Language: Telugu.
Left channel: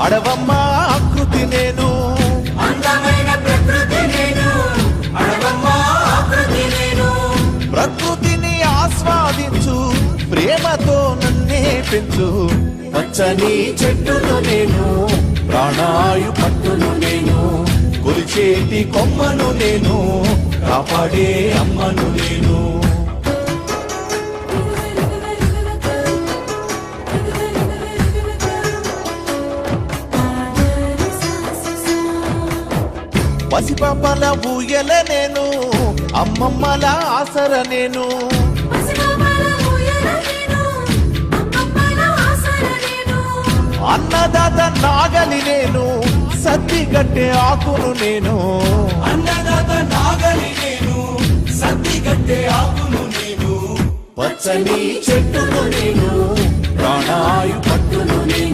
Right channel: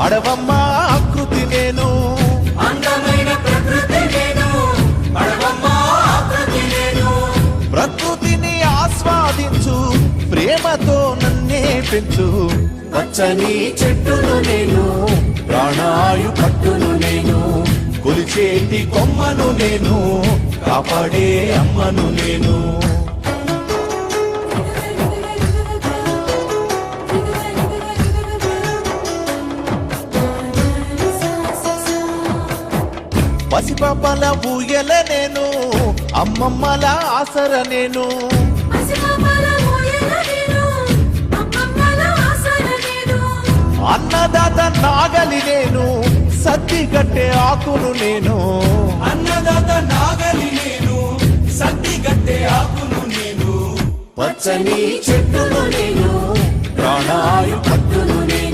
అడవమ్మ ఆకృతి నేను. ప్రకృతిని ఆస్వాదించు ప్రేమతో నన్నే పెంచు. పచ్చని చెట్టును నేను ప్రాణాయు పట్టును నేను. కొలిచేటి కొమ్మను నేను కాపాడే అమ్మను నేను. పసిపాపల ఊయల నేను అమ్మమ్మల ఆసర నేను. అన్నదాత నాగలి నేను సద్ది గట్టే ఆకును నేను అన్నదాత నాగలి నేను సత్తి గట్టే ఆకును నేను. పచ్చని చెట్టును నేను ప్రాణాయు పట్టును నేను.